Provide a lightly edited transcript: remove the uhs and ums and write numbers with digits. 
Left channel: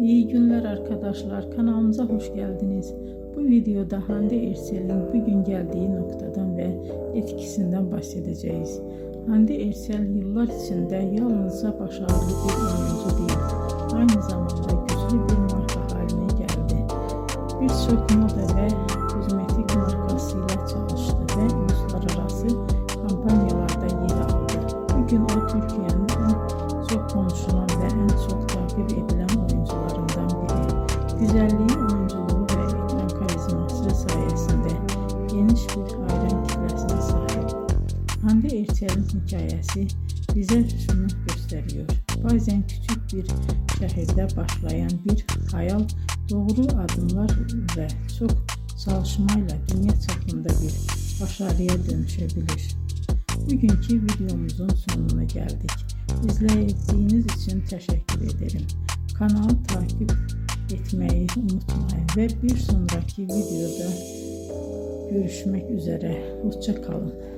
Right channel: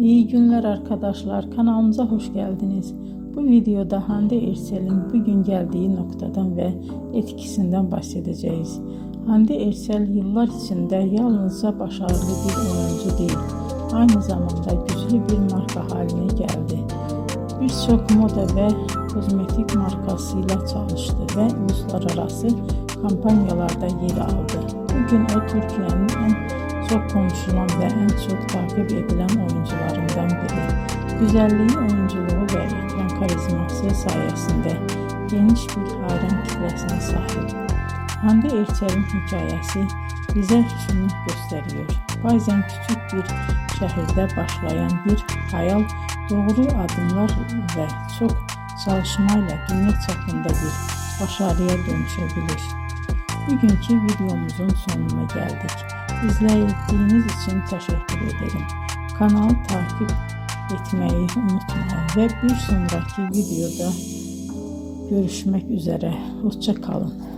İyi günler arkadaşlar, kanalımıza hoş geldiniz. Bu videoda Hande Erçel'in bugün geldiği noktadan ve etkisinden bahsedeceğiz. Hande Erçel yıllar içinde yalnızca başarılı bir oyuncu değil, aynı zamanda güçlü bir marka haline geldi. Birçok moda ve kozmetik markasıyla çalıştı ve uluslararası kampanyalarda yer aldı. Bugün o Türkiye'nin en çok konuşulan ve en çok takip edilen oyuncularından biri. Güzelliği, oyunculuğu ve ekran karizması sayesinde geniş bir hayran kitlesine sahip. Hande Erçel'in hikayesi bize şunu gösteriyor. Bazen küçük bir şehirde başlayan bir hayal doğru adımlar ve çok çalışmayla dünya çapında bir başarıya dönüşebilir. Bugünkü videomuzun sonuna geldik. İzlediğiniz için teşekkür ederim. Kanalı takip etmeyi unutmayın ve bir sonraki videoda görüşmek üzere. Hoşça kalın.